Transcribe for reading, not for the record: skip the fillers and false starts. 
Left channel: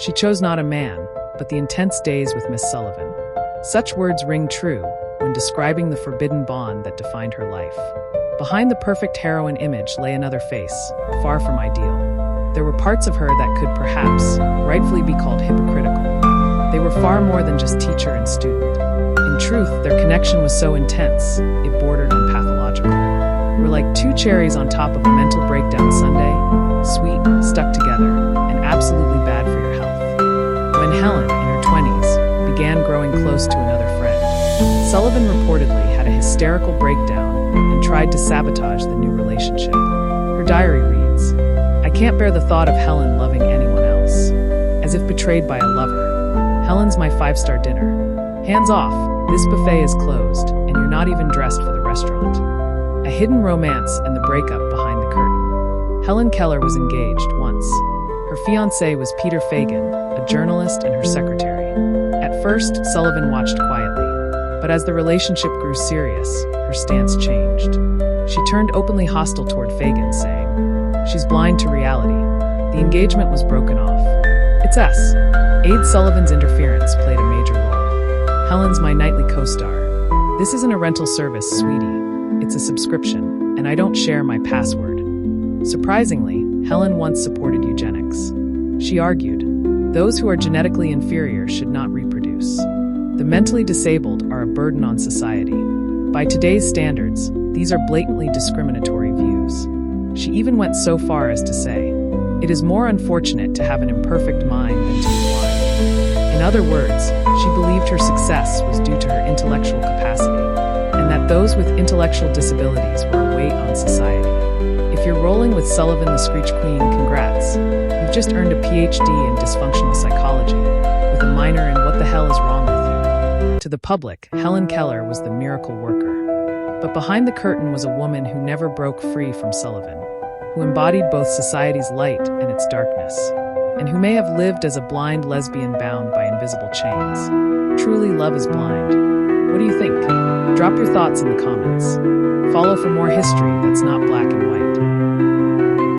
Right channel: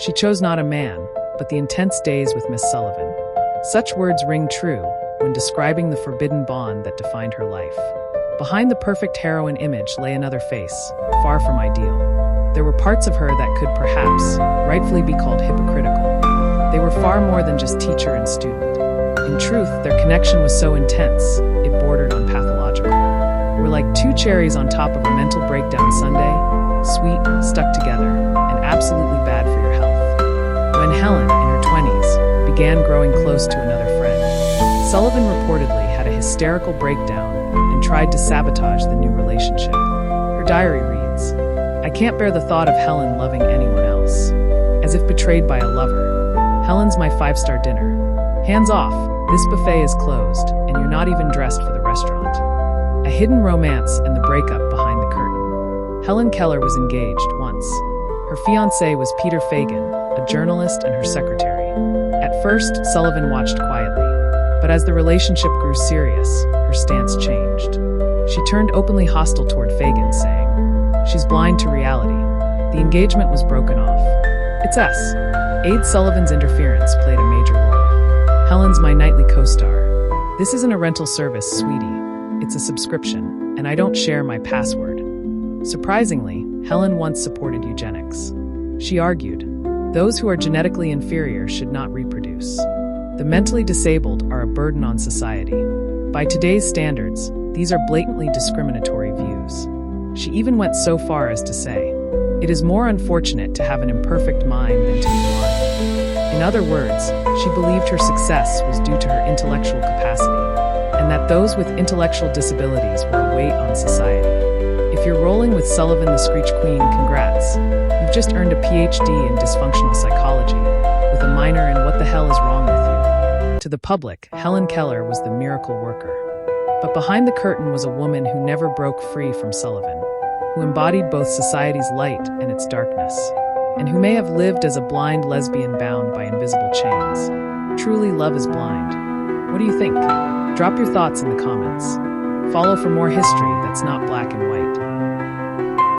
She chose not a man, but the intense days with Miss Sullivan. Such words ring true when describing the forbidden bond that defined her life. Behind the perfect heroine image lay another face, far from ideal. There were parts of her that could perhaps rightfully be called hypocritical. They were far more than just teacher and student. In truth, their connection was so intense, it bordered on pathological. We're like two cherries on top of a mental breakdown sundae, sweet, stuck together, and absolutely bad for your health. When Helen, in her 20s, began growing close to another friend, Sullivan reportedly had a hysterical breakdown and tried to sabotage the new relationship. Her diary reads, "I can't bear the thought of Helen loving anyone else. As if betrayed by a lover. Helen's my 5-star dinner. Hands off, this buffet is closed, and you're not even dressed for the restaurant." A hidden romance and the breakup behind the curtain. Helen Keller was engaged once. Her fiancé was Peter Fagan, a journalist and her secretary. At first, Sullivan watched quietly, but as the relationship grew serious, her stance changed. She turned openly hostile toward Fagan, saying, "She's blind to reality." The engagement was broken off. It's us. Aide Sullivan's interference played a major role. "Helen's my nightly co-star. This isn't a rental service, sweetie. It's a subscription, and I don't share my password." Surprisingly, Helen once supported eugenics. She argued, those who are genetically inferior should not reproduce. The mentally disabled are a burden on society. By today's standards, these are blatantly discriminatory views. She even went so far as to say, "It is more unfortunate to have an imperfect mind than to be blind." In other words, she believed her success was due to her intellectual capacity, and that those with intellectual disabilities were a weight on society. If you're rolling with Sullivan the Screech Queen, congrats. You've just earned a PhD in dysfunctional psychology, with a minor in what the hell is wrong with you. To the public, Helen Keller was the miracle worker. But behind the curtain was a woman who never broke free from Sullivan, who embodied both society's light and its darkness, and who may have lived as a blind lesbian bound by invisible chains. Truly, love is blind. What do you think? Drop your thoughts in the comments. Follow for more history that's not black and white.